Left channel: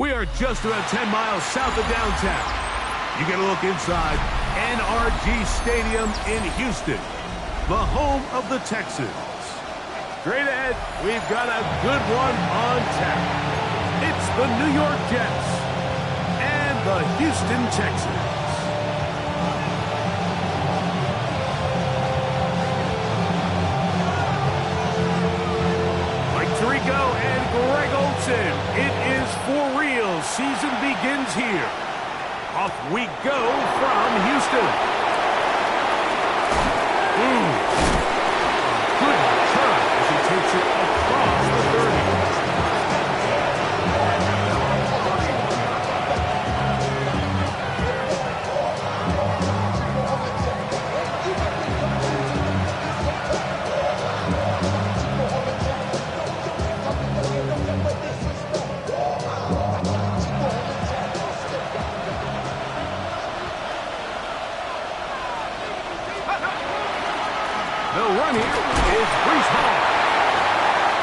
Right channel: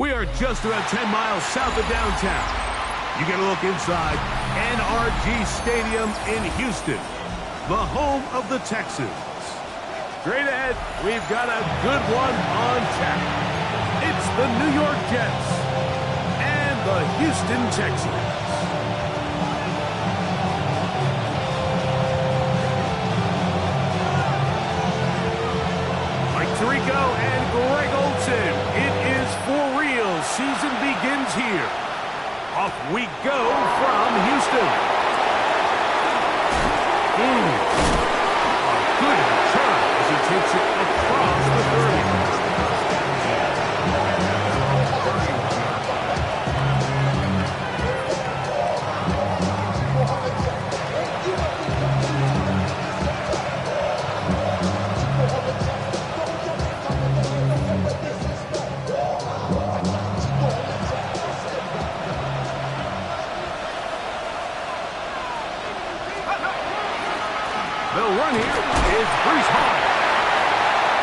We are just about 10 miles south of downtown. You get a look inside NRG Stadium in Houston, the home of the Texans. Straight ahead, we've got a good one on tap. It's the New York Jets and the Houston Texans. Mike Tirico and Greg Olsen. It is for real. Season begins here. Off we go from Houston. A good return as he takes it across the 30. The run here is Breece Hall.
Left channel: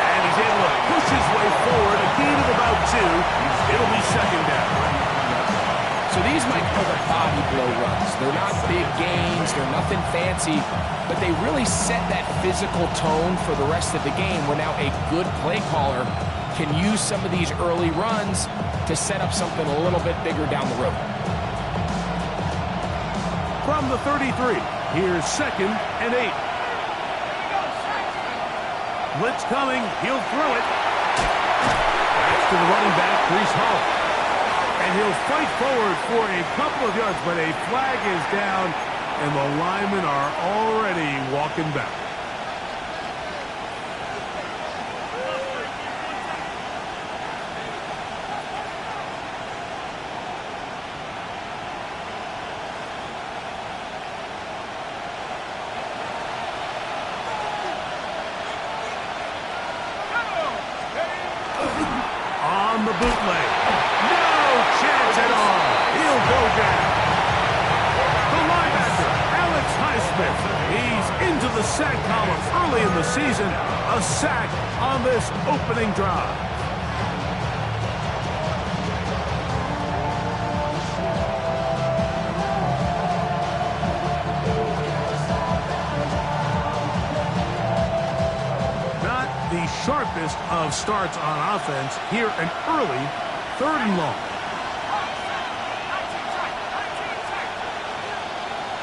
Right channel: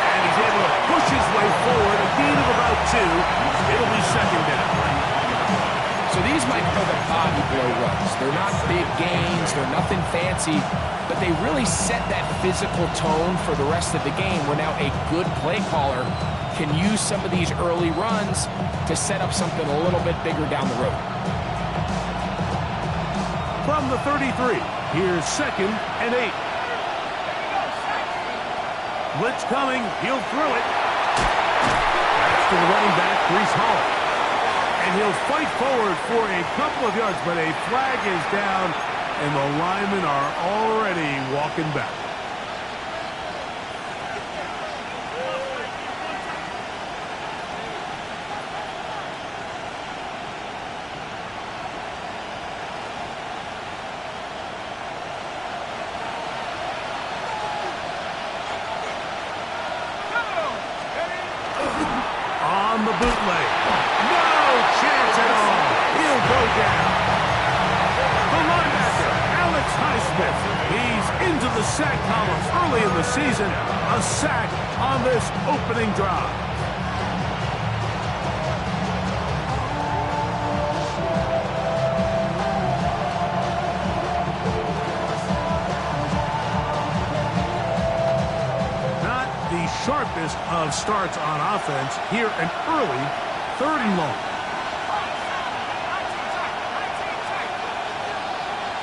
And he's able to push his way forward. A gain of about 2. It'll be second down. So these might be the body blow runs. They're not big gains. They're nothing fancy. But they really set that physical tone for the rest of the game, where now a good play caller can use some of these early runs to set up something a little bit bigger down the road. From the 33, here's 2nd and 8. Blitz coming. He'll throw it. That's to the running back, Breece Hall. And he'll fight forward for a couple of yards, but a flag is down, and the linemen are already walking back. On the bootleg. No chance at all. He'll go down. The linebacker, Alex Highsmith. He's into the sack column early in the season. A sack on this opening drive. The sharpest of starts on offense. Here an early 3rd and long.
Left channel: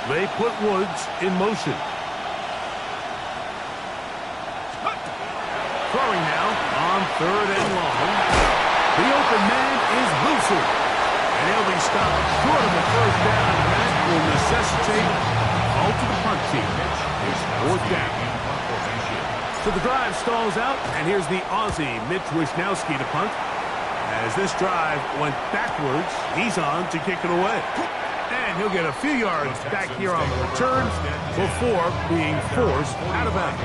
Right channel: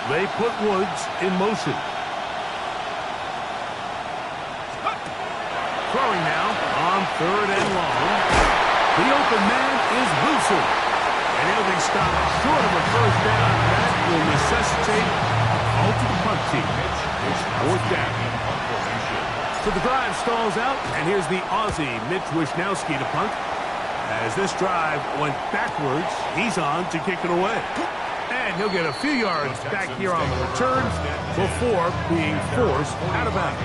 They put Woods in motion. Throwing now on 3rd and long. The open man is Wilson. And he'll be stopped short of a first down. That will necessitate a call to the punt team. It's 4th down. So the drive stalls out, and here's the Aussie, Mitch Wishnowsky, to punt. As this drive went backwards, he's on to kick it away. And he'll get a few yards back here on the return before being forced out of bounds.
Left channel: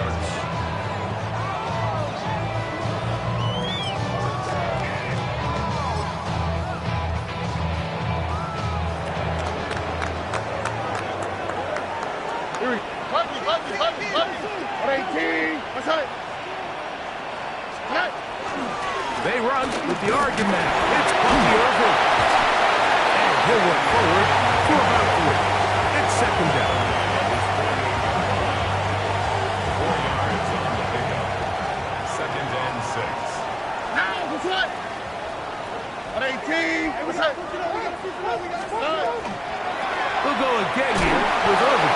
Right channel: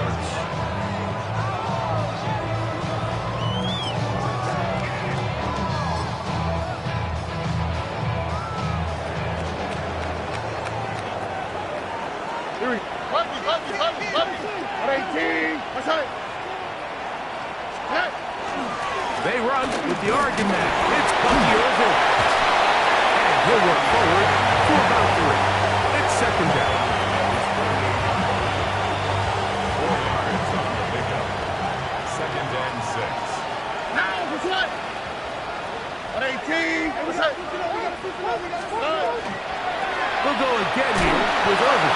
Here we go. 18. What's that? They run with the Oregon man. It's Bucky Irvin. And he'll work forward for about 3. It's 2nd down. 4 yards on the pickup. 2nd and 6. Now, what's that? 18. What's that? We'll go again here with Irvin.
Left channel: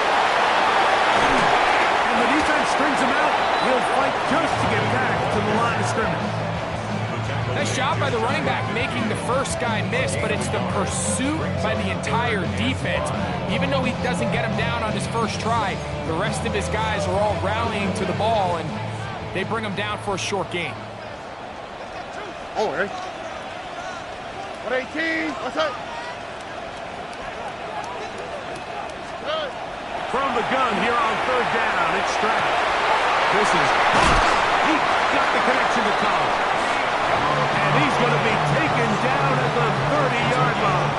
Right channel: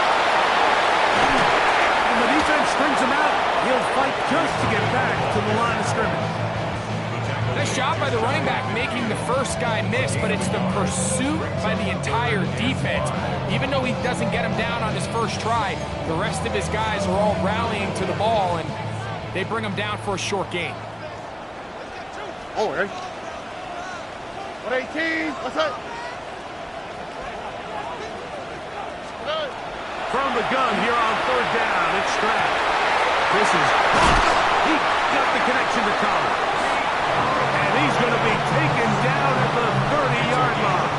And the defense strings him out. He'll fight just to get back to the line of scrimmage. Nice job by the running back making the first guy miss, but it's the pursuit by the entire defense. Even though he doesn't get him down on his first try, the rest of his guys are all rallying to the ball, and they bring him down for a short gain. Oh, right. 118. What's that? From the gun here on 3rd down, it's Stroud. This is hot. He got the connection to Collins. And he's going to be taken down at the 30-yard line.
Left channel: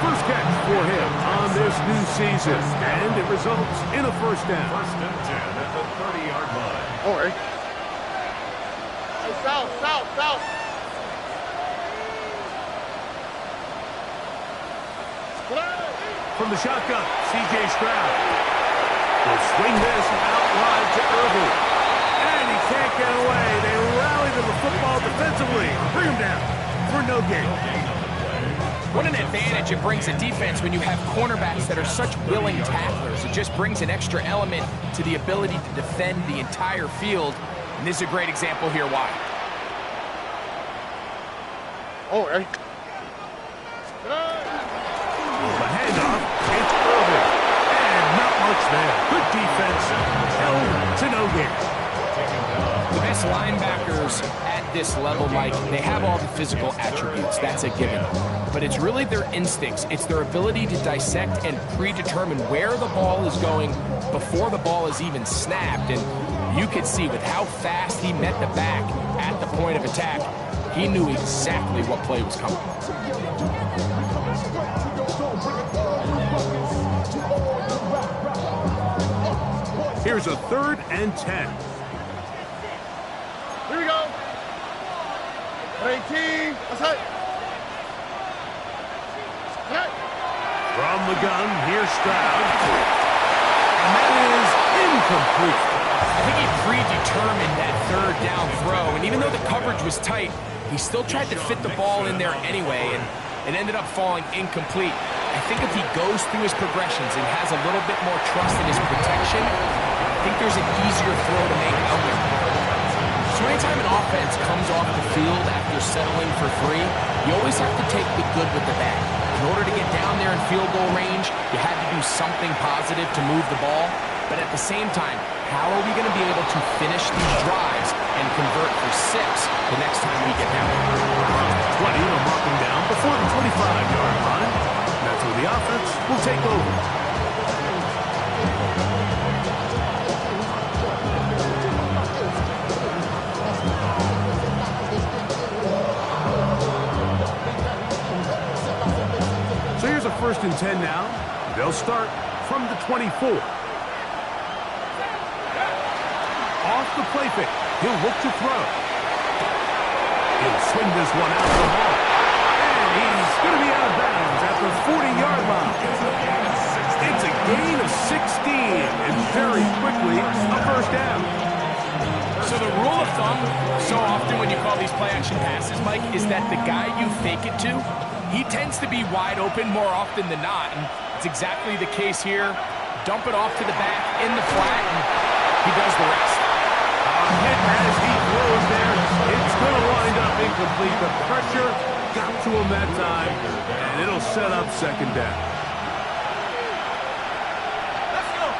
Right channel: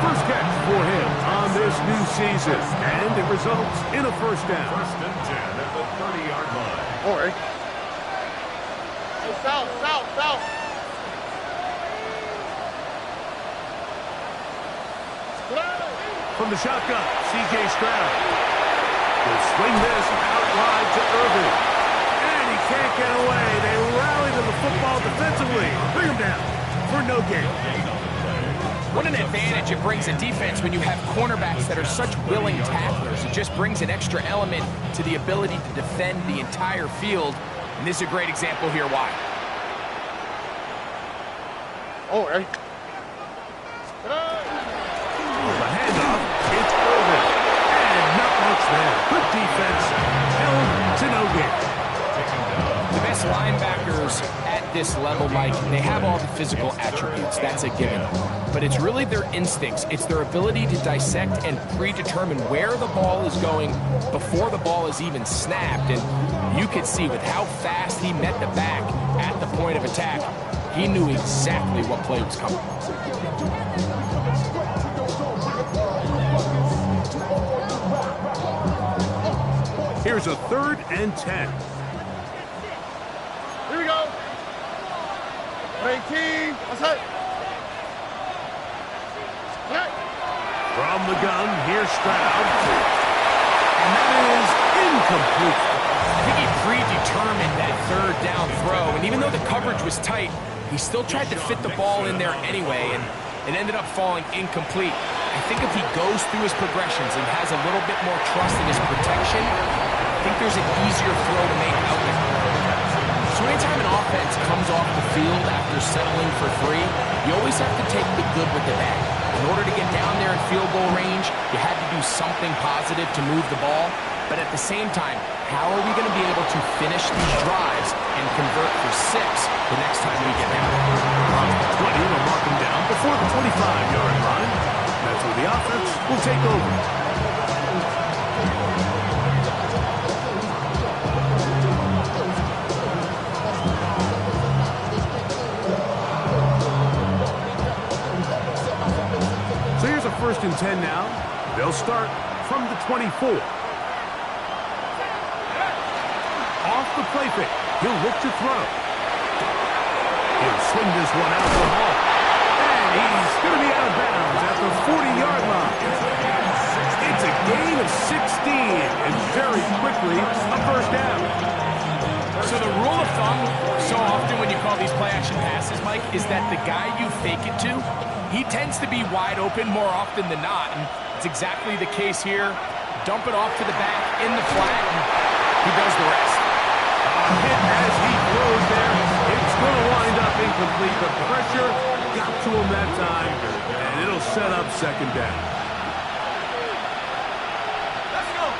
First catch for him on this new season. And it results in a first down. 1st and 10 at the 30-yard line. All right. Hey, south. from the shotgun. C.J. Stroud will swing this out wide to Irving. And he can't get away. They rally to the football defensively. Bring him down for no gain. What an advantage it brings a defense when you have cornerbacks that are such willing tacklers. It just brings an extra element to the ability to defend the entire field. And this is a great example here why. Oh, hey. The handoff, it's Irving. And not much there. Good defense, held to no gain. The best linebackers at this level, Mike, they have all the physical attributes. That's a given. But it's really their instincts. It's their ability to dissect and predetermine where the ball is going before the ball is even snapped. And you could see with how fast he met the back at the point of attack, he knew exactly what play was coming. Here's a 3rd and 10. Here we go. 18. What's that? From the gun, here's Stroud. And that is incomplete. I think he predetermined that 3rd down throw. And even though the coverage was tight, he still tried to fit the ball in there anyway. And it ended up falling incomplete. I think if he goes through his progressions and has a little bit more trust in his protection, I think there's an easier throw to make out there. So anytime an offense comes off the field after settling for 3, you always have to take the good with the bad. In order to get down there in field goal range, you had to do something positive to move the ball. But at the same time, how are we going to be able to finish these drives and convert for 6 the next time we get down there? From 20, they'll mark him down before the 25-yard line. That's where the offense will take over. So here's a 1st and 10 now. They'll start from the 24. Off the play fake. He'll look to throw. He'll swing this one out the hall. And he's going to be out of bounds at the 40-yard line. It's a gain of 16, and very quickly a 1st down. So the rule of thumb, so often when you call these play-action passes, Mike, is that the guy you fake it to, he tends to be wide open more often than not. And it's exactly the case here. Dump it off to the back in the flat, and he does the rest. A hit as he throws there. It's going to wind up incomplete. The pressure got to him that time, and it'll set up 2nd down. Let's go.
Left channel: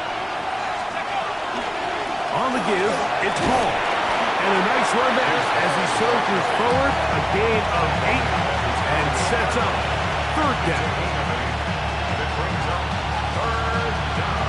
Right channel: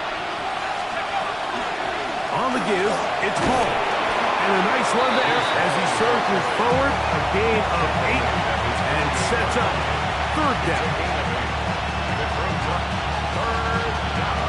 On the give, it's Paul. And a nice one there as he surges forward. A gain of 8 and sets up 3rd down. It brings up 3rd down.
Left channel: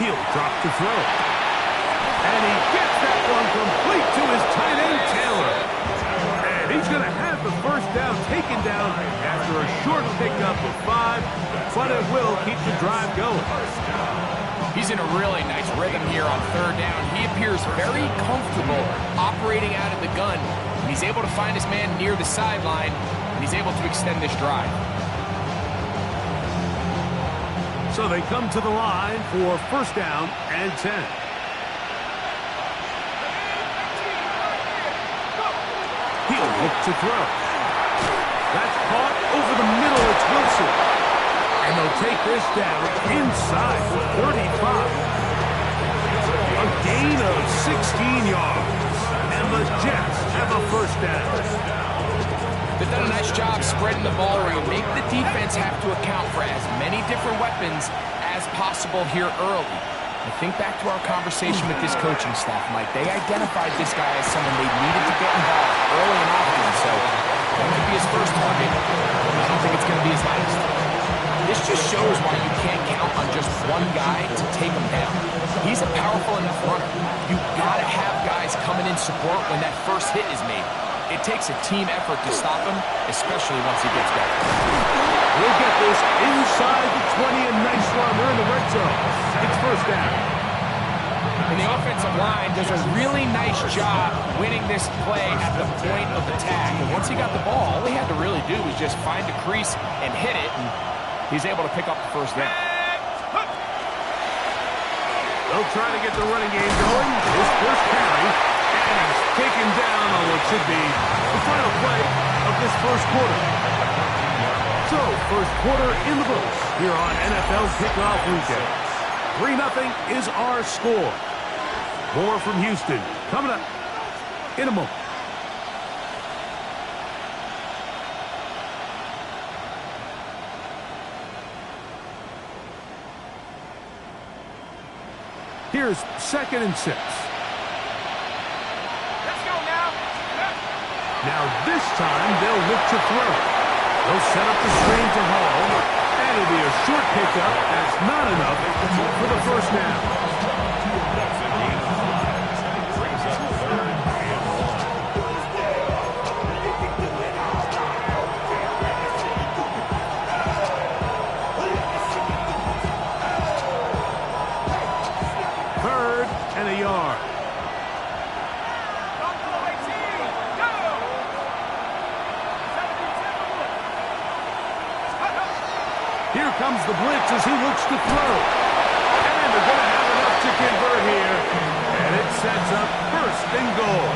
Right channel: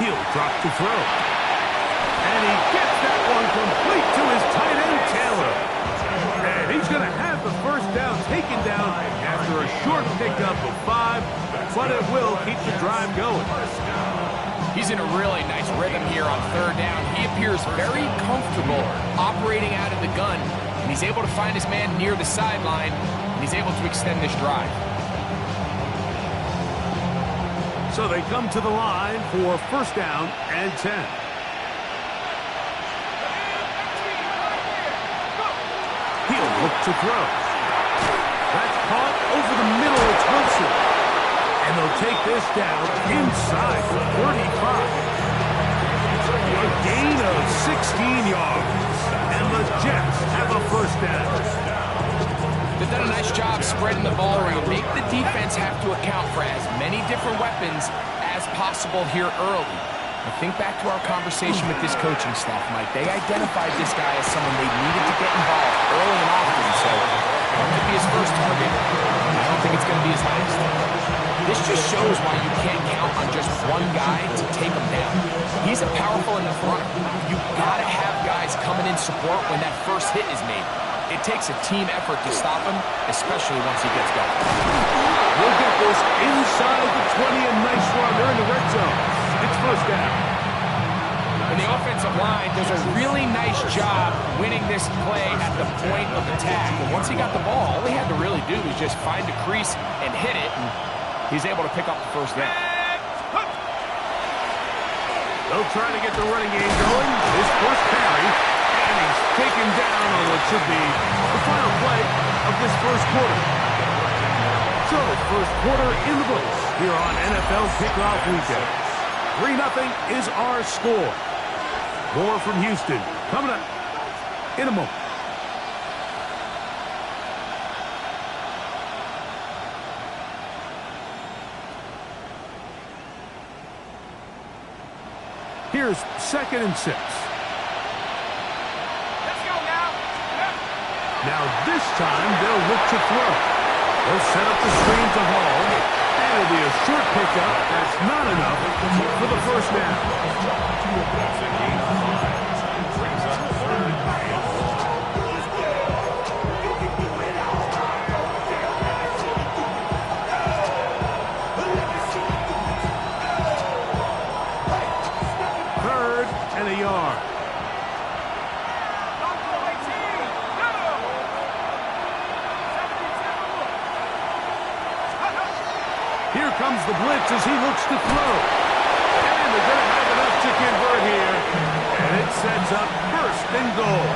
He'll drop to throw. And he gets that one complete to his tight end, Taylor. And he's going to have the 1st down taken down after a short pickup of 5, but it will keep the drive going. He's in a really nice rhythm here on 3rd down. He appears very comfortable operating out of the gun, and he's able to find his man near the sideline, and he's able to extend this drive. So they come to the line for 1st down and 10. He'll look to throw. That's caught over the middle. It's Wilson. And they'll take this down inside the 35. A gain of 16 yards. And the Jets have a 1st down. They've done a nice job spreading the ball around. Make the defense have to account for as many different weapons as possible here early. I think back to our conversation with this coaching staff, Mike. They identified this guy as someone they needed to get involved early and often. So that might be his 1st target. I don't think it's going to be his last. This just shows why you can't count on just one guy to take him down. He's a powerful enough runner. You gotta have guys coming in support when that first hit is made. It takes a team effort to stop him, especially once he gets going. We'll get this inside the 20, and nice run. They're in the red zone. It's first down. And the offensive line does a really nice job winning this play at the point of attack. And once he got the ball, all he had to really do was just find a crease and hit it, and he's able to pick up the first down. They'll try to get the running game going. His first carry, and he's taken down on what should be the final play of this first quarter. So, first quarter in the books here on NFL Kickoff Weekend. 3-0 is our score. More from Houston coming up in a moment. Here's 2nd and 6. Let's go now. Now this time they'll look to throw. They'll set up the screen to Hall, and it'll be a short pickup. That's not enough for the first down. That's a gain of 5. Brings up 3rd and 1. Third and a yard. Here comes the blitz as he looks to throw. And they're going to have enough to convert here. And it sets up 1st and goal.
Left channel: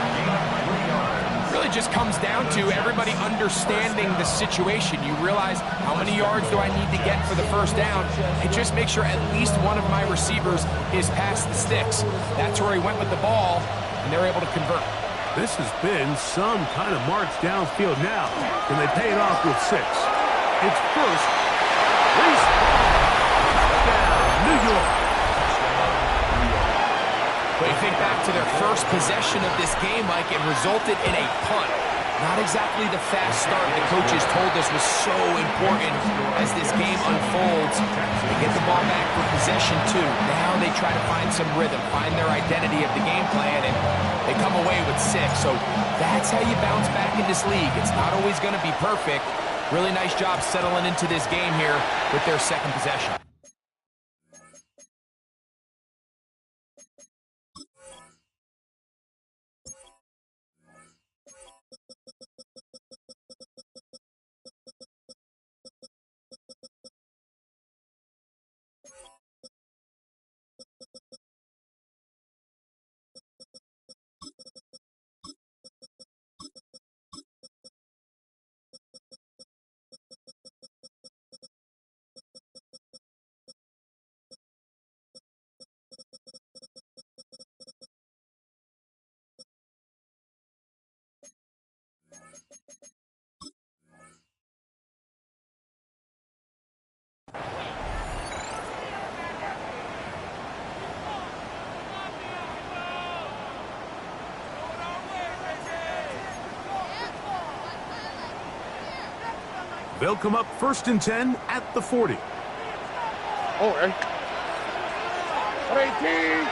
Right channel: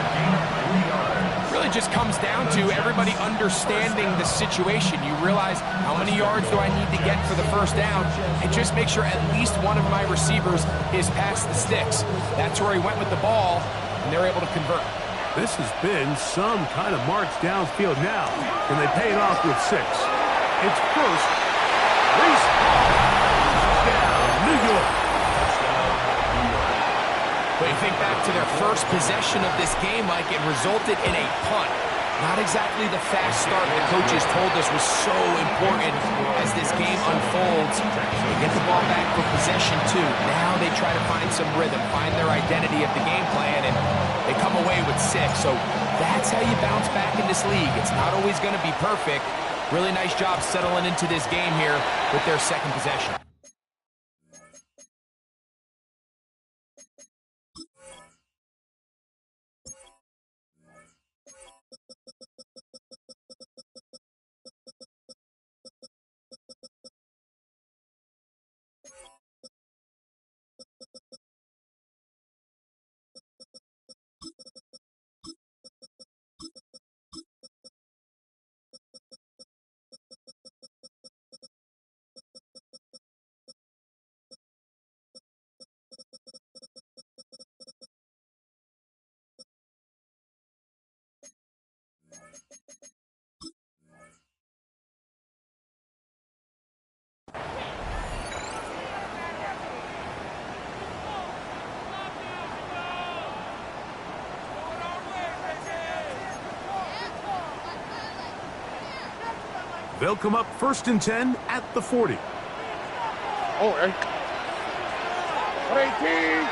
Really just comes down to everybody understanding the situation. You realize how many yards do I need to get for the first down, and just make sure at least one of my receivers is past the sticks. That's where he went with the ball, and they're able to convert. This has been some kind of march downfield now. Can they pay it off with 6? It's first. Reese Hall. Touchdown, New York. But you think back to their first possession of this game, Mike, it resulted in a punt. Not exactly the fast start the coaches told us was so important as this game unfolds. They get the ball back for possession, too. Now they try to find some rhythm, find their identity of the game plan, and they come away with 6. So that's how you bounce back in this league. It's not always going to be perfect. Really nice job settling into this game here with their 2nd possession. They'll come up 1st and 10 at the 40. Oh, hey. 18.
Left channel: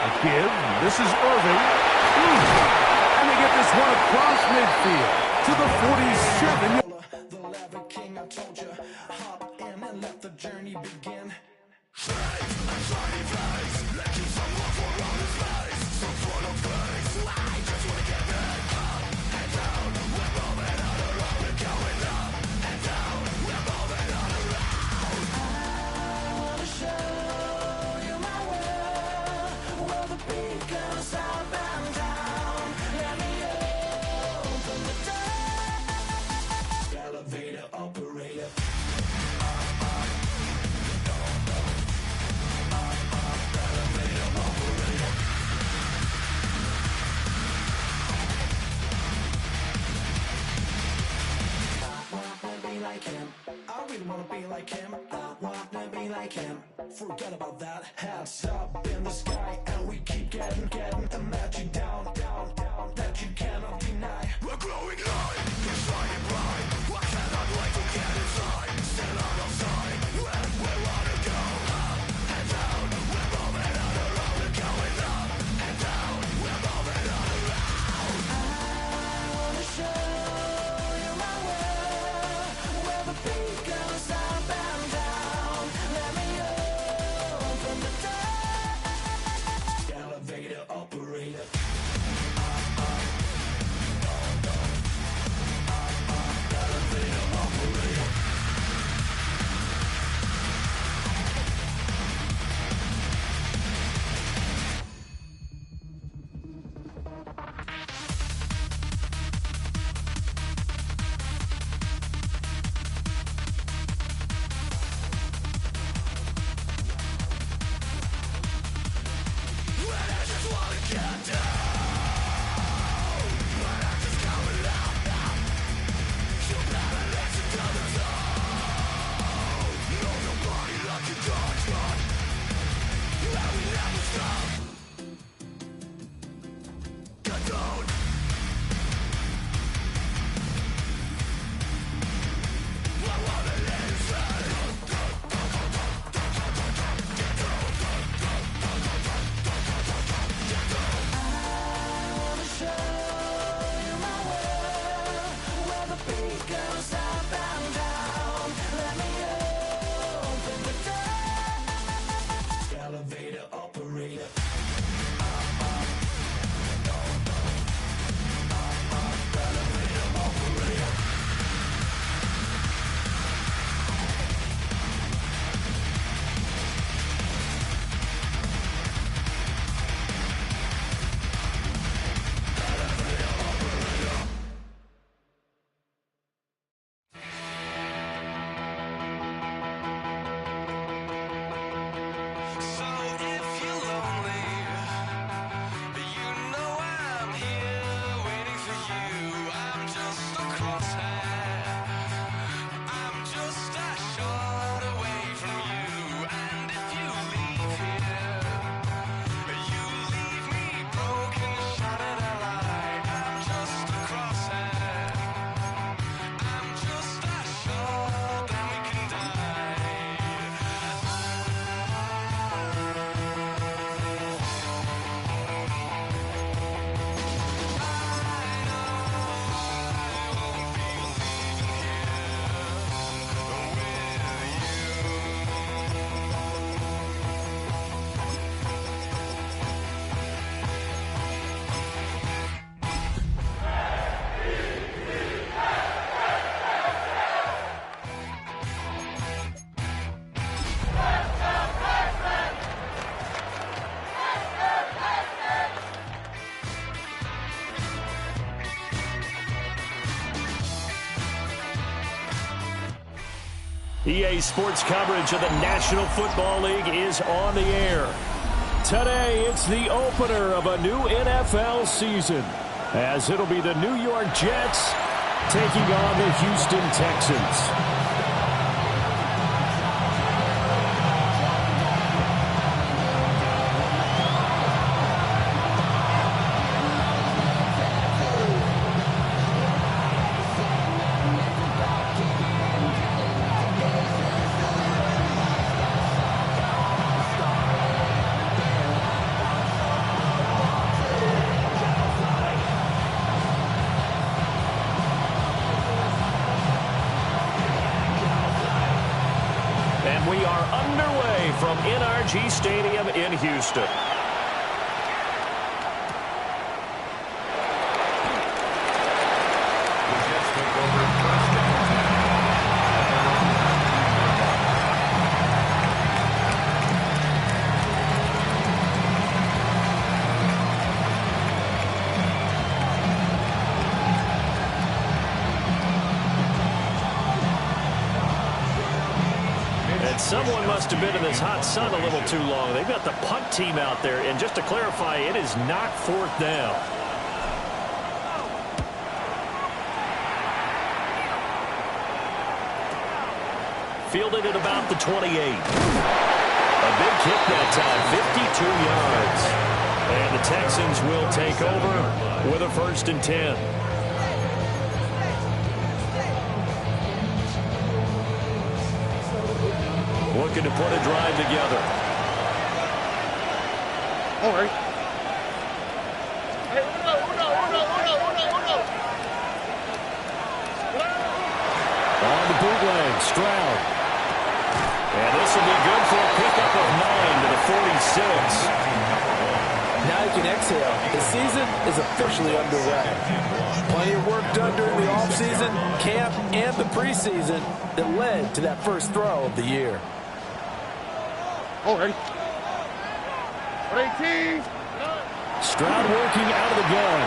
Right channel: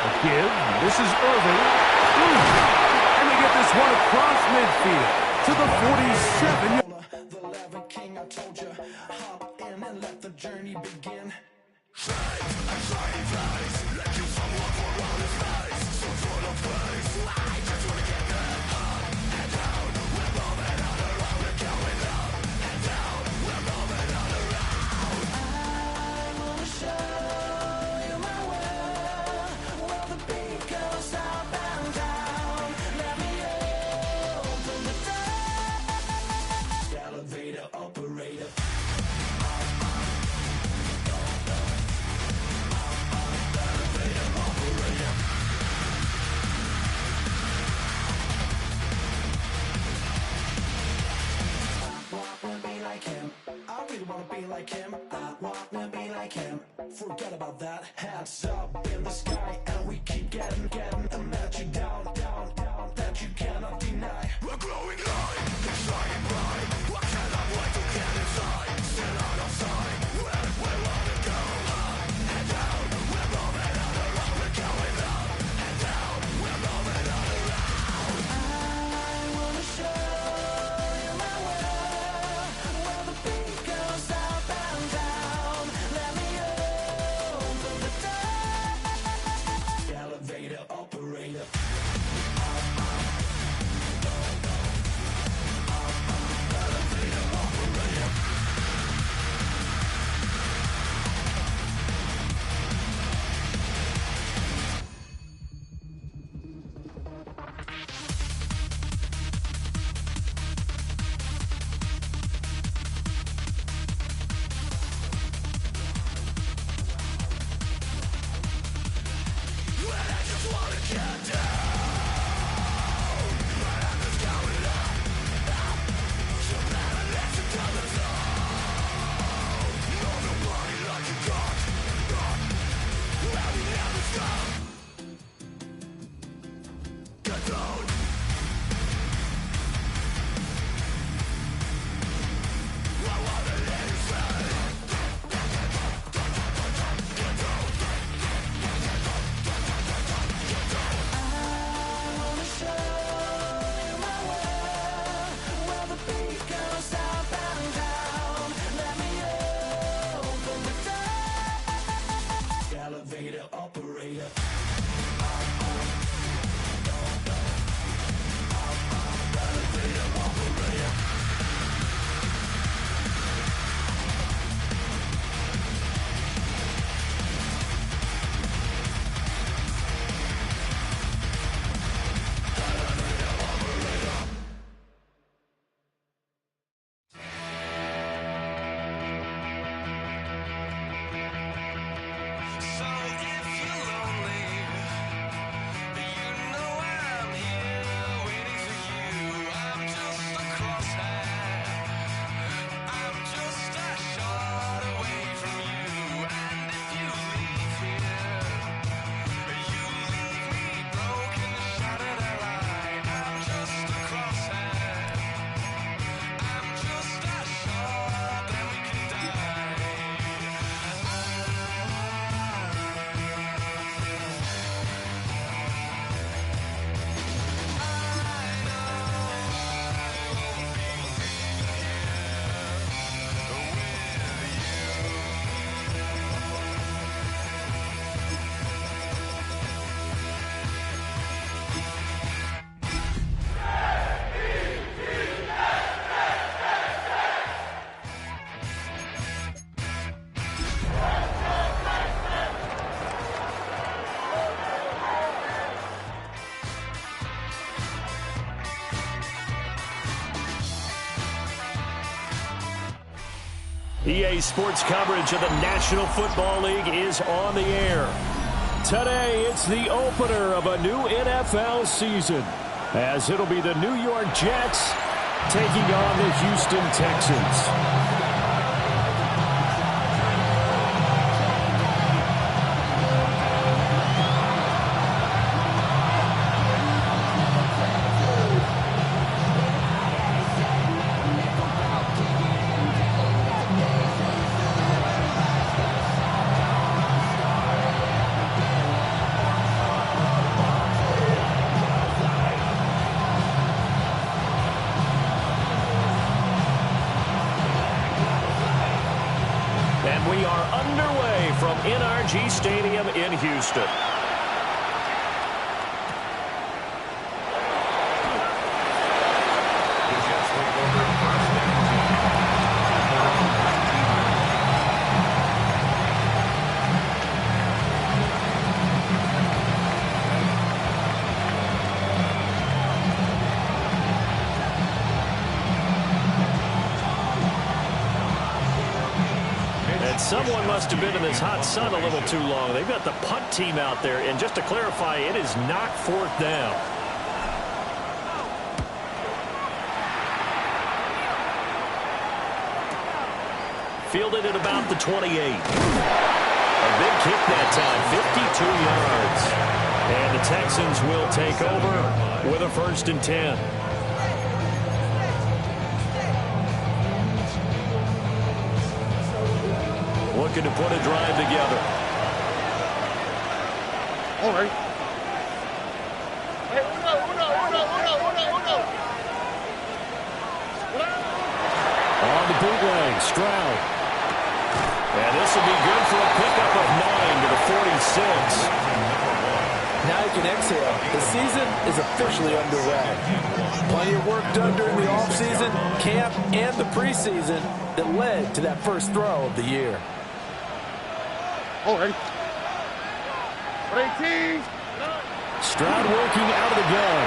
A give. This is Irving. And they get this one across midfield to the 47. The Lava King, I told you, hop in and let the journey begin. Like him, I really wanna be like him. I wanna be like him. Forget about that. Hats up in the sky, and we keep getting a magic down, that you cannot deny. We're growing light, it's shining bright. I cannot wait to get inside. EA Sports coverage of the National Football League is on the air. Today, it's the opener of a new NFL season, as it'll be the New York Jets taking on the Houston Texans. And we are underway from NRG Stadium in Houston. The Jets take over first and 10 at their own 19-yard line. And someone must have been in this hot sun a little too long. They've got the punt team out there. And just to clarify, it is not fourth down. Fielded at about the 28. A big kick that time, 52 yards. And the Texans will take over with a 1st and 10. Looking to put a drive together. All right. Hey, uno. On the bootleg, Stroud. And this will be good for a pickup of 9 to the 46. Now you can exhale. The season is officially underway. Plenty of work done during the offseason, camp, and the preseason that led to that first throw of the year. All right. 18. Stroud working out of the gun.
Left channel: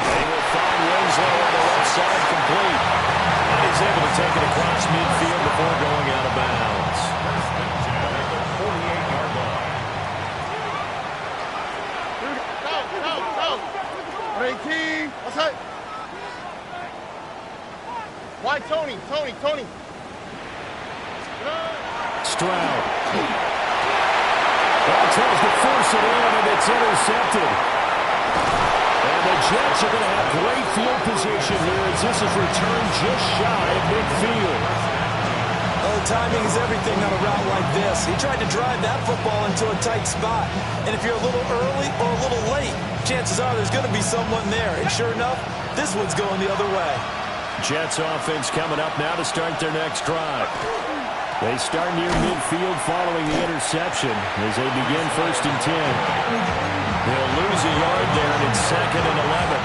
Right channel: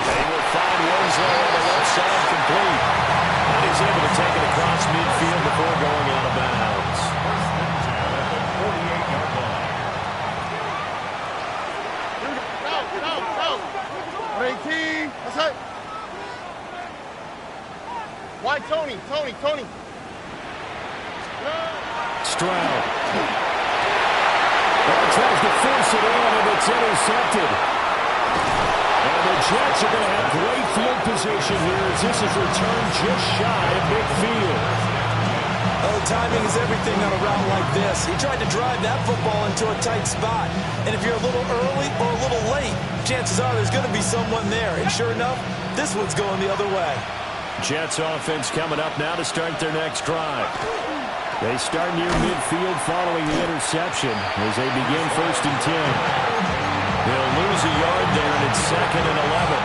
They will find Winslow on the left side complete. And he's able to take it across midfield before going out of bounds. First and 10 at the 48-yard line. Go. 18. What's that? Why Tony? Stroud. Tries to force it in, and it's intercepted. And the Jets are going to have great field position here as this is returned just shy of midfield. Oh, timing is everything on a route like this. He tried to drive that football into a tight spot. And if you're a little early or a little late, chances are there's going to be someone there. And sure enough, this one's going the other way. Jets offense coming up now to start their next drive. They start near midfield following the interception as they begin 1st and 10. They'll lose a yard there, and it's 2nd and 11.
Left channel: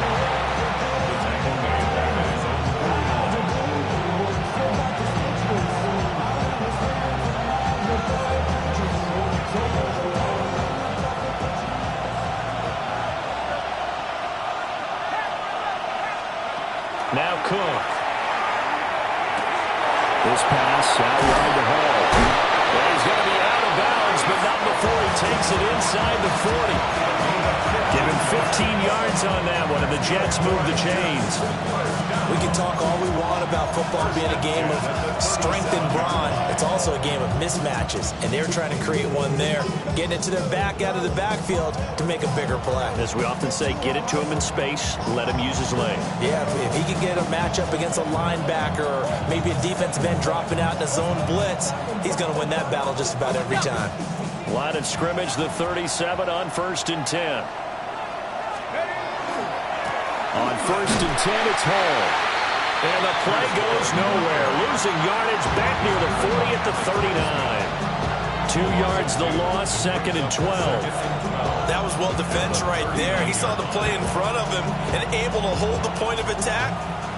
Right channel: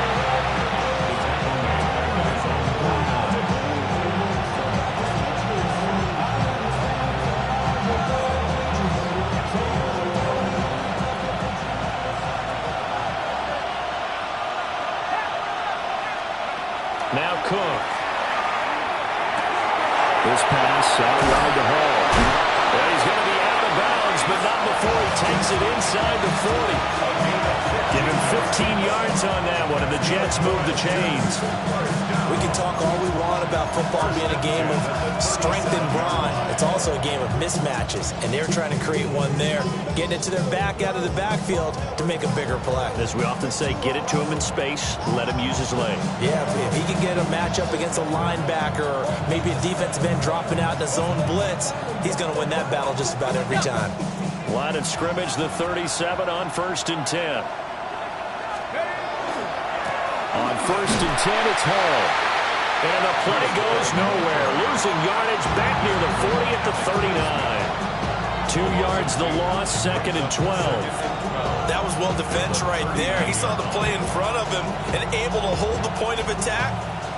The tackle made back at his own 49. Now Cook. This pass out wide to Hall. Well, he's going to be out of bounds, but not before he takes it inside the 40. Give him 15 yards on that one, and the Jets move the chains. We can talk all we want about football being a game of strength and brawn. It's also a game of mismatches, and they're trying to create one there, getting it to their back out of the backfield to make a bigger play. As we often say, get it to him in space, let him use his leg. Yeah, if he can get a matchup against a linebacker or maybe a defensive end dropping out in a zone blitz, he's going to win that battle just about every time. Line of scrimmage, the 37 on 1st and 10. On 1st and 10, it's Hall. And the play goes nowhere. Losing yardage back near the 40 at the 39. 2 yards the loss, 2nd and 12. That was well defense right there. He saw the play in front of him and able to hold the point of attack.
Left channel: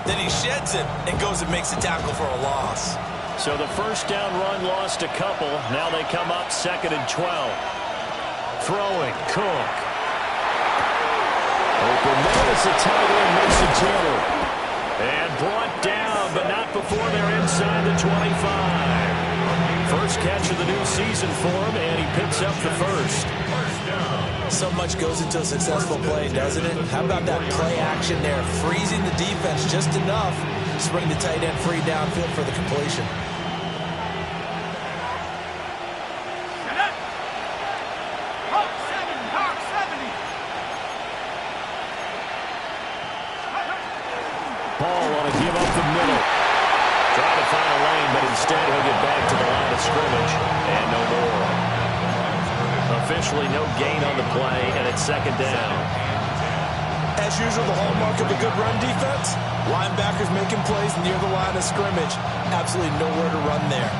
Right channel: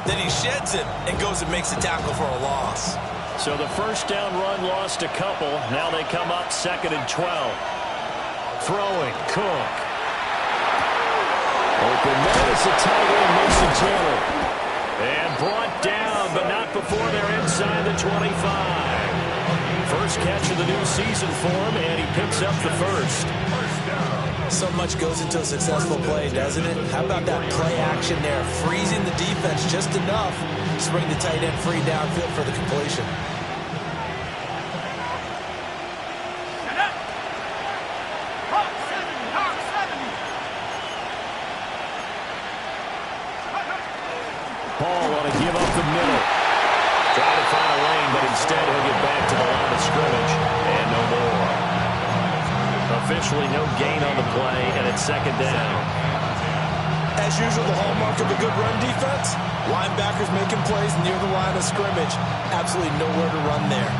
Then he sheds it and goes and makes a tackle for a loss. So the first down run lost a couple. Now they come up 2nd and 12. Throwing, Cook. Open man is the tight end, Mason Taylor. And brought down down, but not before they're inside the 25. First catch of the new season for him, and he picks up the first. So much goes into a successful play, doesn't it? How about that play action there, freezing the defense just enough to bring the tight end free downfield for the completion. Ball want to give up the middle. Try to find a lane, but instead he'll get back to the line of scrimmage, and no more. Officially no gain on the play, and it's second down. As usual, the hallmark of a good run defense, linebackers making plays near the line of scrimmage. Absolutely nowhere to run there.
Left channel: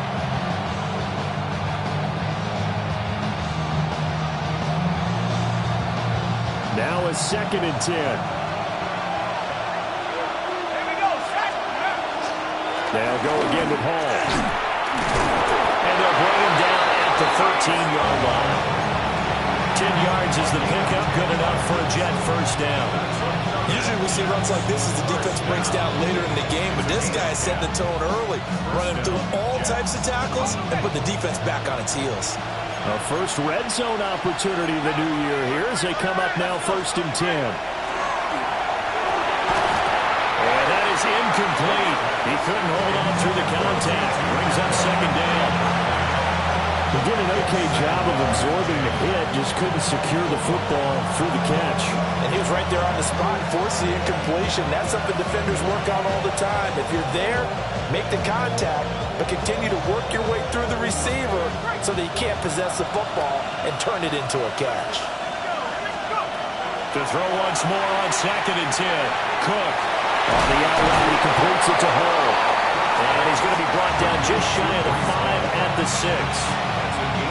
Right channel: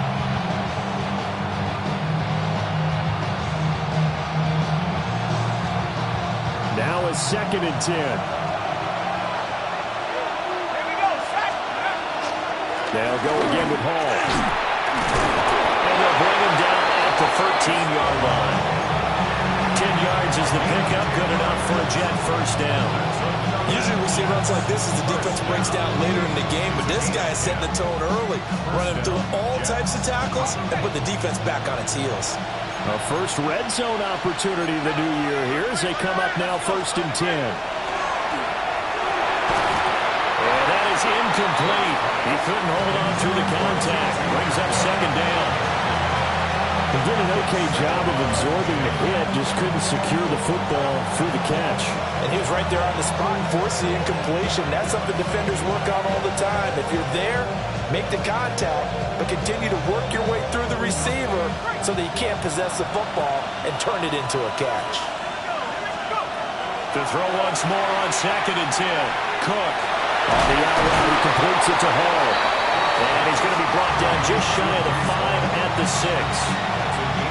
Now it's 2nd and 10. They'll go again with Hall. And they'll bring him down at the 13-yard line. 10 yards is the pickup, good enough for a Jet first down. Usually we see runs like this as the defense breaks down later in the game, but this guy is setting the tone early, running through all types of tackles and put the defense back on its heels. A first red zone opportunity the new year here as they come up now 1st and 10. And that is incomplete. He couldn't hold on through the contact. Brings up 2nd down. He did an okay job of absorbing the hit, just couldn't secure the football through the catch. And he was right there on the spot and forced the incompletion. That's something defenders work on all the time. If you're there, make the contact, but continue to work your way through the receiver so that he can't possess the football and turn it into a catch. To throw once more on 2nd and 10. Cook on the out route, he completes it to Hall. And he's going to be brought down just shy of the 5 at the 6.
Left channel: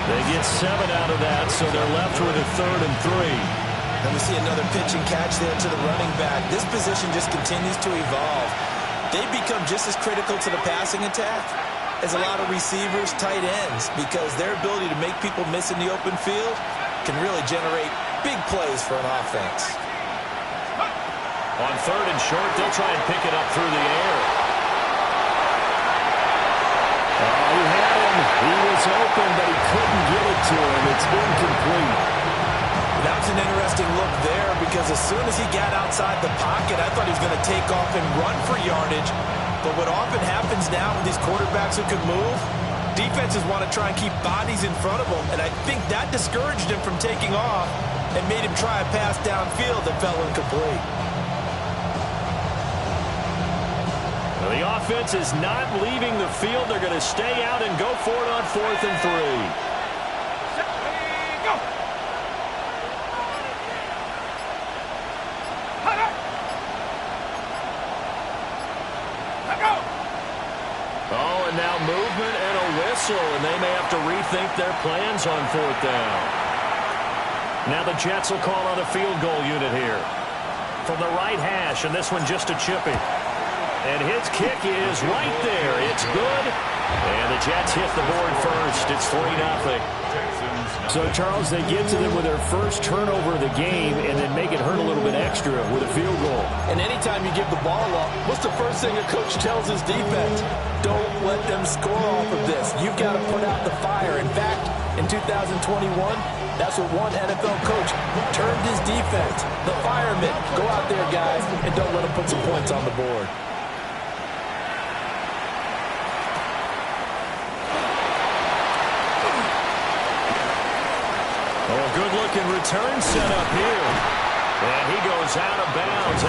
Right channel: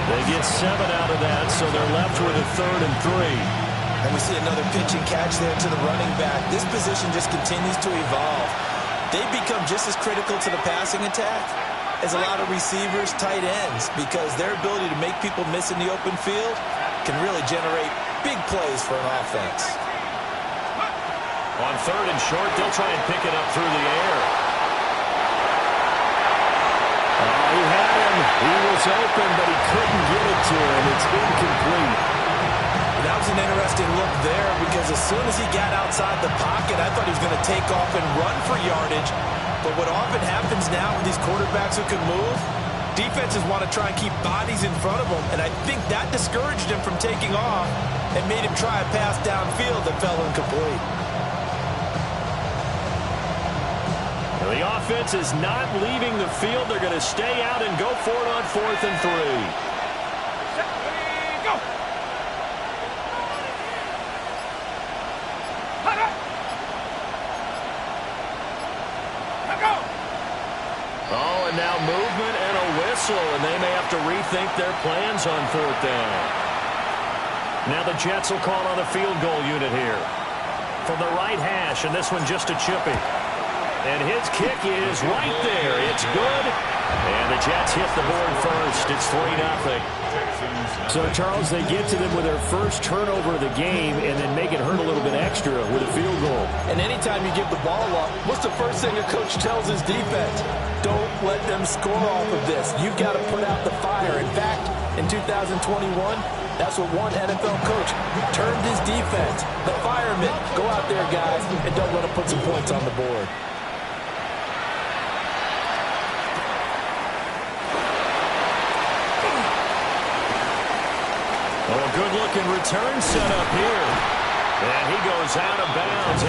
They get 7 out of that, so they're left with a 3rd and 3. And we see another pitch and catch there to the running back. This position just continues to evolve. They become just as critical to the passing attack as a lot of receivers, tight ends, because their ability to make people miss in the open field can really generate big plays for an offense. On 3rd and short, they'll try and pick it up through the air. Oh, he had him. He was open, but he couldn't get it to him. It's incomplete. That was an interesting look there because as soon as he got outside the pocket, I thought he was going to take off and run for yardage. But what often happens now with these quarterbacks who can move, defenses want to try and keep bodies in front of them, and I think that discouraged him from taking off and made him try a pass downfield that fell incomplete. The offense is not leaving the field. They're going to stay out and go for it on 4th and 3. Go! Oh, and now movement and a whistle, and they may have to rethink their plans on 4th down. Now the Jets will call on the field goal unit here. From the right hash, and this one just a chippy. And his kick is right there. It's good. And the Jets hit the board first. It's 3-0. So, Charles, they get to them with their first turnover of the game and then make it hurt a little bit extra with a field goal. And anytime you give the ball up, what's the first thing a coach tells his defense? Don't let them score off of this. You've got to put out the fire. In fact, in 2021, that's what one NFL coach termed his defense. The firemen. Go out there, guys, and don't let them put some points on the board. Oh, a good-looking return set up here. And he goes out of bounds.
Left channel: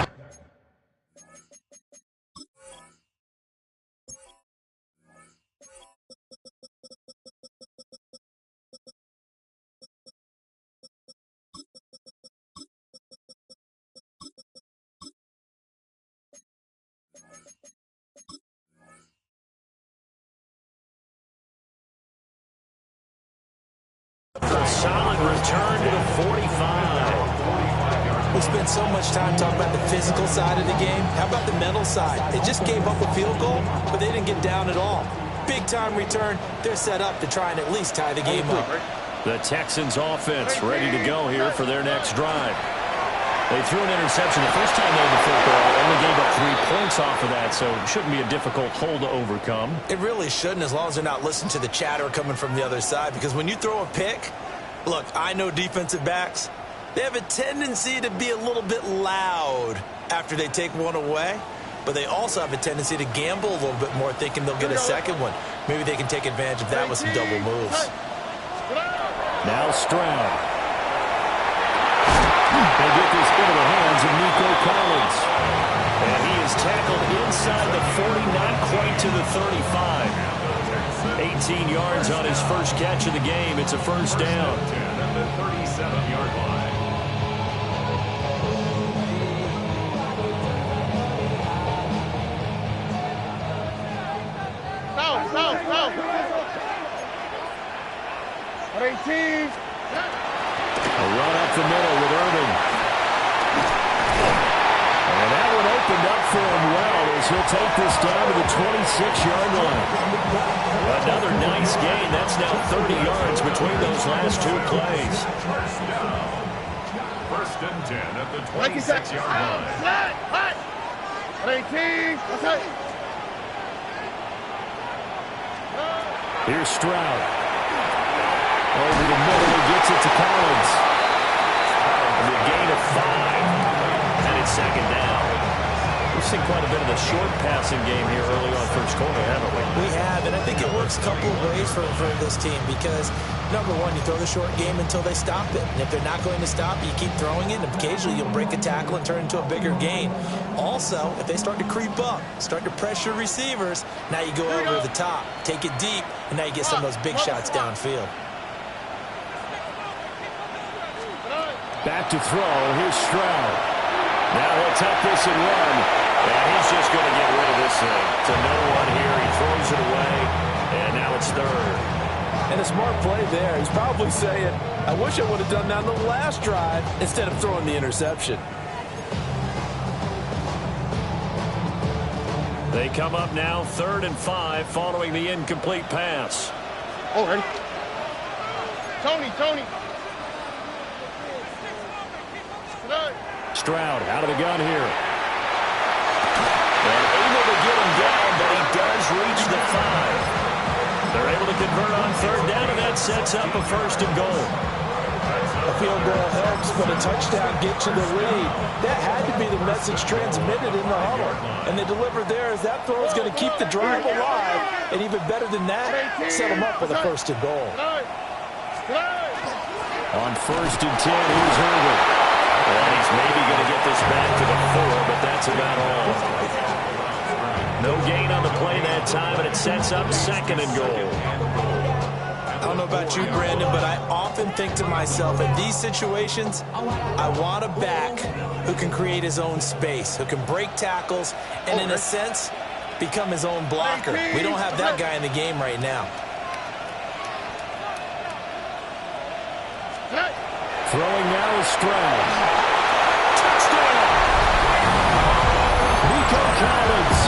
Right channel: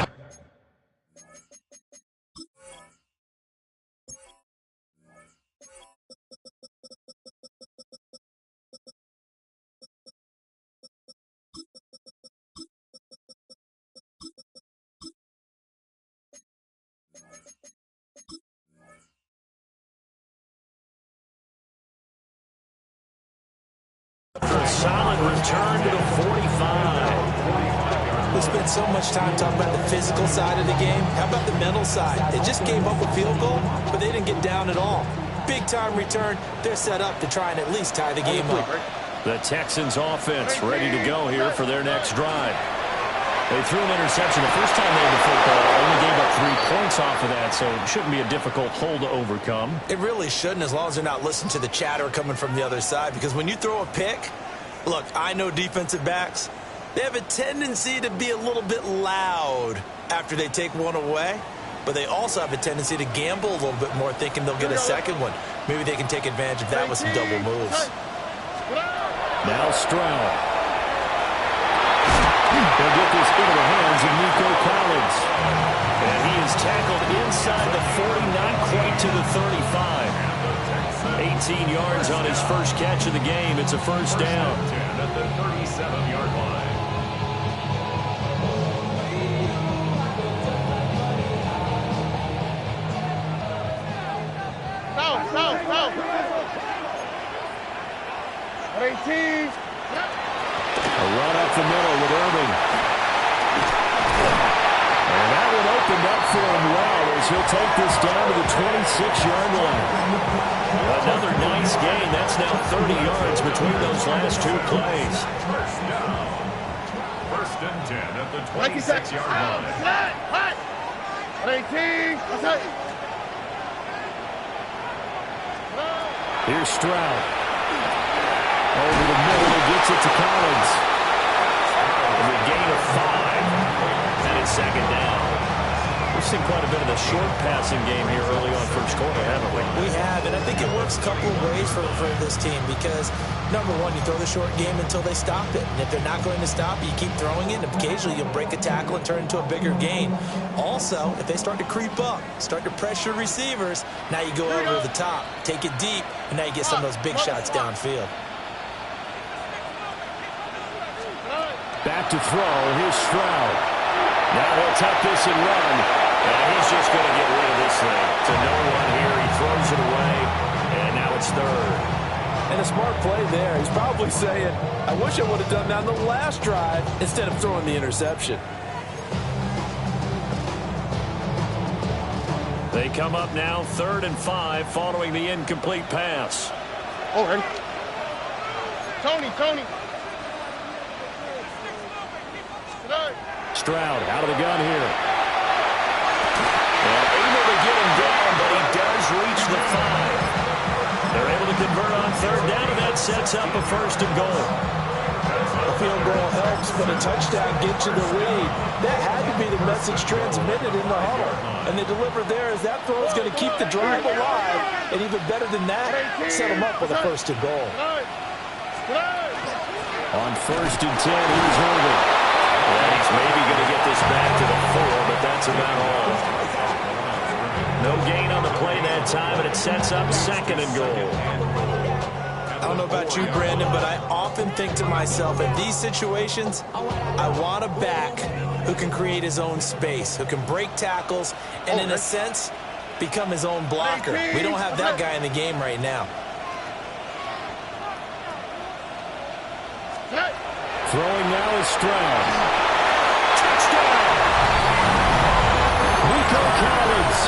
A solid return to the 45. We spent so much time talking about the physical side of the game. How about the mental side? They just gave up a field goal, but they didn't get down at all. Big-time return. They're set up to try and at least tie the game up. The Texans offense ready to go here for their next drive. They threw an interception the first time they had the football, only gave up 3 points off of that, so it shouldn't be a difficult hole to overcome. It really shouldn't, as long as they're not listening to the chatter coming from the other side, because when you throw a pick, look, I know defensive backs, they have a tendency to be a little bit loud after they take one away, but they also have a tendency to gamble a little bit more, thinking they'll get a second one. Maybe they can take advantage of that with some double moves. Now Stroud. He'll get this into the hands of Nico Collins. And he is tackled inside the 40, not quite to the 35. 18 yards on his first catch of the game. It's a first down. 10 at the 37-yard line. South. 18. A run up the middle with Irving. And that one opened up for him well as he'll take this down to the 26-yard line. Another nice gain. That's now 30 yards between those last two plays. First down. First and 10 at the 26-yard line. 18. Here's Stroud. Over the middle, he gets it to Collins. And a gain of 5. And it's second down. We've seen quite a bit of the short passing game here early on first quarter, haven't we? We have, and I think it works a couple of ways for this team because, number one, you throw the short game until they stop it. And if they're not going to stop it, you keep throwing it, and occasionally you'll break a tackle and turn it into a bigger gain. Also, if they start to creep up, start to pressure receivers, now you go over the top, take it deep, and now you get some of those big shots downfield. Back to throw. Here's Stroud. Now he'll tuck this and run. And he's just going to get rid of this thing. To no one here. He throws it away. And now it's third. And a smart play there. He's probably saying, I wish I would have done that on the last drive instead of throwing the interception. They come up now 3rd and 5 following the incomplete pass. Oh, ready. Tony. Stroud out of the gun here. And able to get him down, but he does reach the 5. They're able to convert on 3rd down, and that sets up a 1st and goal. A field goal helps, but a touchdown gets you the lead. That had to be the message transmitted in the huddle. And they delivered there as that throw is going to keep the drive alive. And even better than that, set them up with a 1st and goal. On 1st and 10, here's Irving. And he's maybe going to get this back to the 4, but that's about all. No gain on the play that time, and it sets up 2nd and goal. I don't know about you, Brandon, but I often think to myself, in these situations, I want a back who can create his own space, who can break tackles, and in a sense, become his own blocker. We don't have that guy in the game right now. Throwing now is Stroud. Touchdown! Nico Collins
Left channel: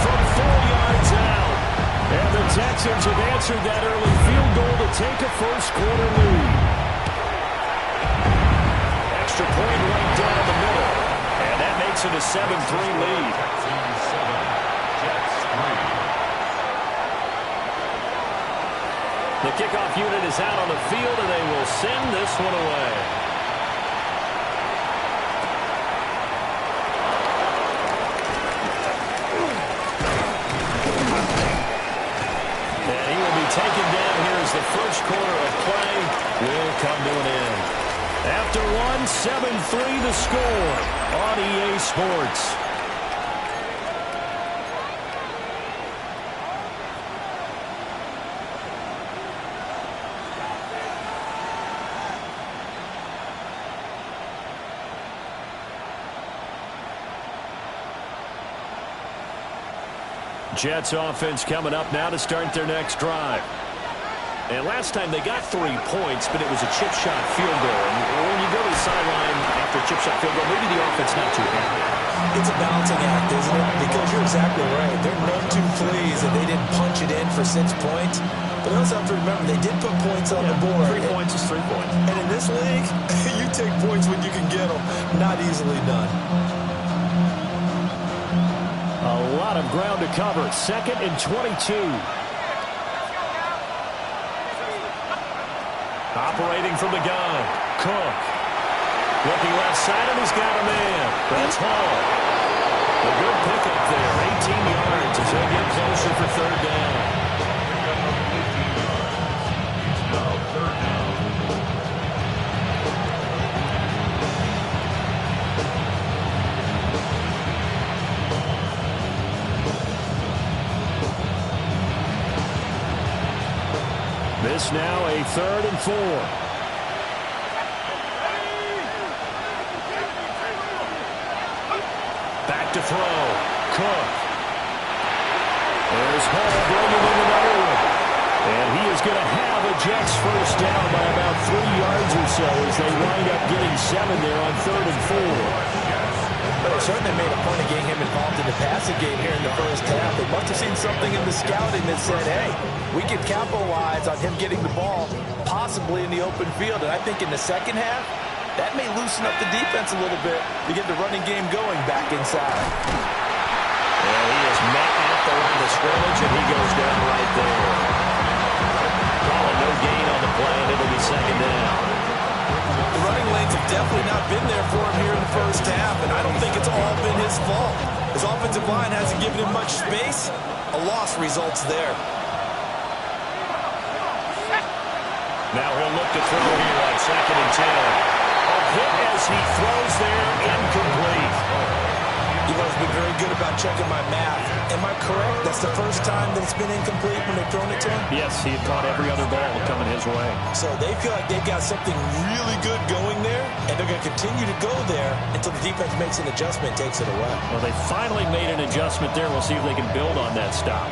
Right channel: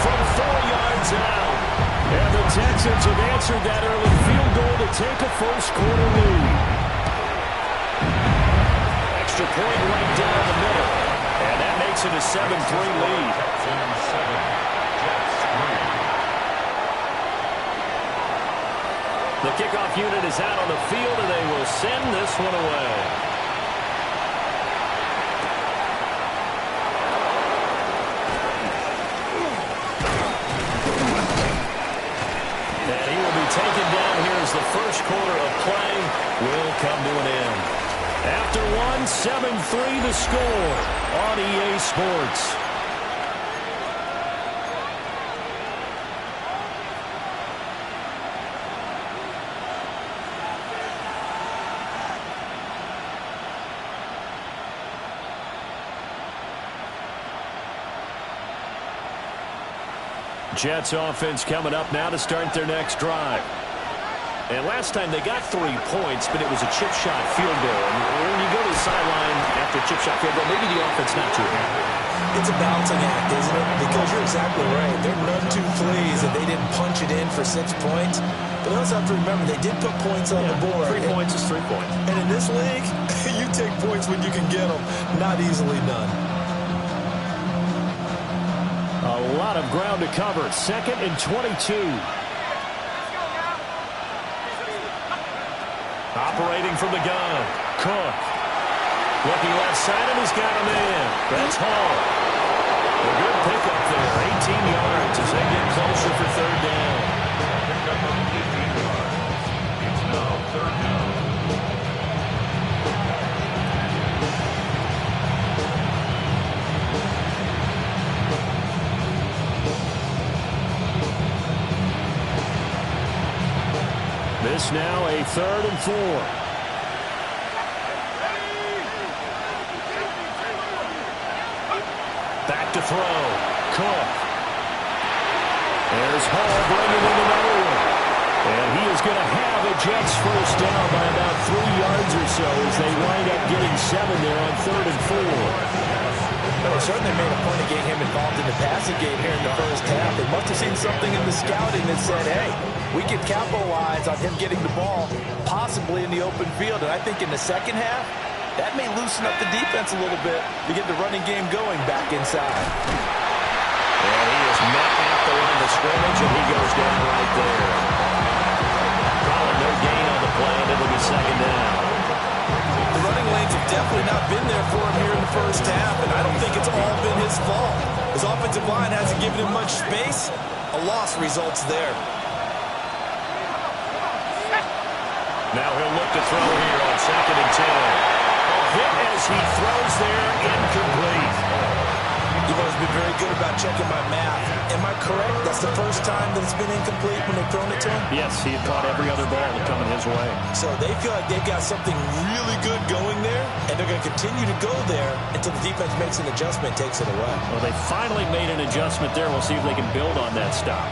from 4 yards out. And the Texans have answered that early field goal to take a first quarter lead. Extra point right down the middle. And that makes it a 7-3 lead. Texans 7, Jets 3. The kickoff unit is out on the field, and they will send this one away. And he will be taken down here as the first quarter of play will come to an end. After one, 7-3 the score on EA Sports. Jets offense coming up now to start their next drive. And last time they got 3 points, but it was a chip shot field goal. And when you go to the sideline after a chip shot field goal, maybe the offense not too happy. It's a balancing act, isn't it? Because you're exactly right. They're none too pleased that they didn't punch it in for 6 points. But they also have to remember they did put points on the board. 3 points is 3 points. And in this league, you take points when you can get them. Not easily done. A lot of ground to cover. 2nd and 22. Operating from the gun. Cook. Looking left side, and he's got a man. That's Hall. A good pickup there. 18 yards as they get closer for 3rd down. Pickup of 18 yards. It's now 3rd down. This now a 3rd and 4. Back to throw. Cook. There's Hall bringing in another one. And he is going to have a Jets first down by about 3 yards or so as they wind up getting 7 there on 3rd and 4. But they certainly made a point of getting him involved in the passing game here in the first half. They must have seen something in the scouting that said, hey, we can capitalize on him getting the ball possibly in the open field. And I think in the second half, that may loosen up the defense a little bit to get the running game going back inside. And he is met at the line of scrimmage, and he goes down right there. Calling no gain on the play, and it'll be 2nd down. The running lanes have definitely not been there for him here in the first half, and I don't think it's all been his fault. His offensive line hasn't given him much space. A loss results there. Now he'll look to throw here on 2nd and 10. A hit as he throws there, incomplete. You've always been very good about checking my math. Am I correct? That's the first time that it's been incomplete when they've thrown it to him? Yes, he had caught every other ball coming his way. So they feel like they've got something really good going there, and they're going to continue to go there until the defense makes an adjustment and takes it away. Well, they finally made an adjustment there. We'll see if they can build on that stop.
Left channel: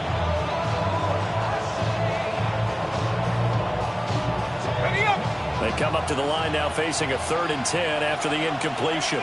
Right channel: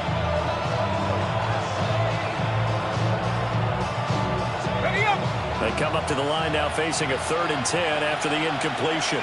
They come up to the line now facing a 3rd and 10 after the incompletion.